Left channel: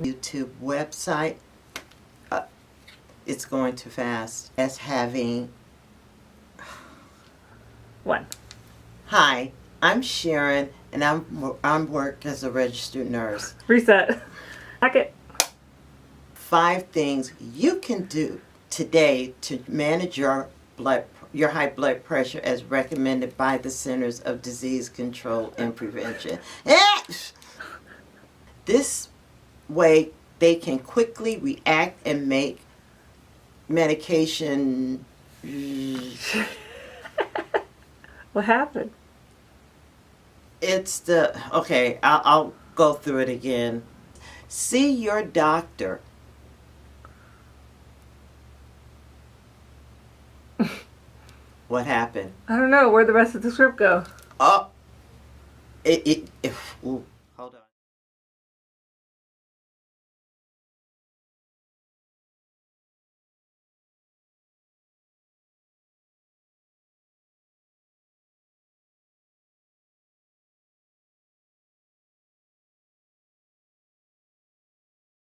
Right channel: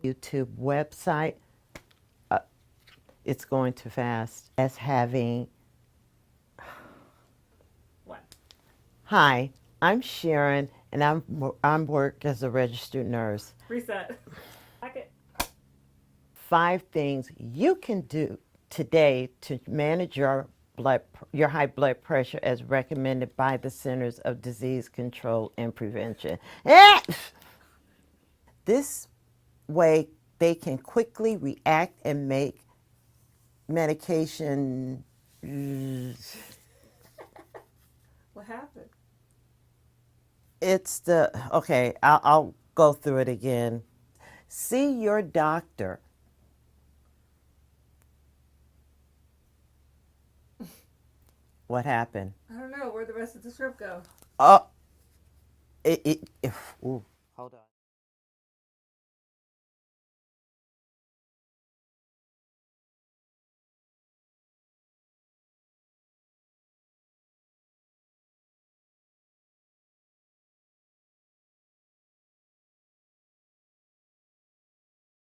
YouTube website. It's going too fast. As having. One. Hi, I'm Sharon, and I'm work as a registered nurse. Reset. Back it. 5 things you can do today to manage your high blood pressure as recommended by the Centers of Disease Control and Prevention. This way they can quickly react and make medication. What happened? I'll go through it again. See your doctor. What happened? I don't know. Where'd the rest of the script go? Oh, ooh.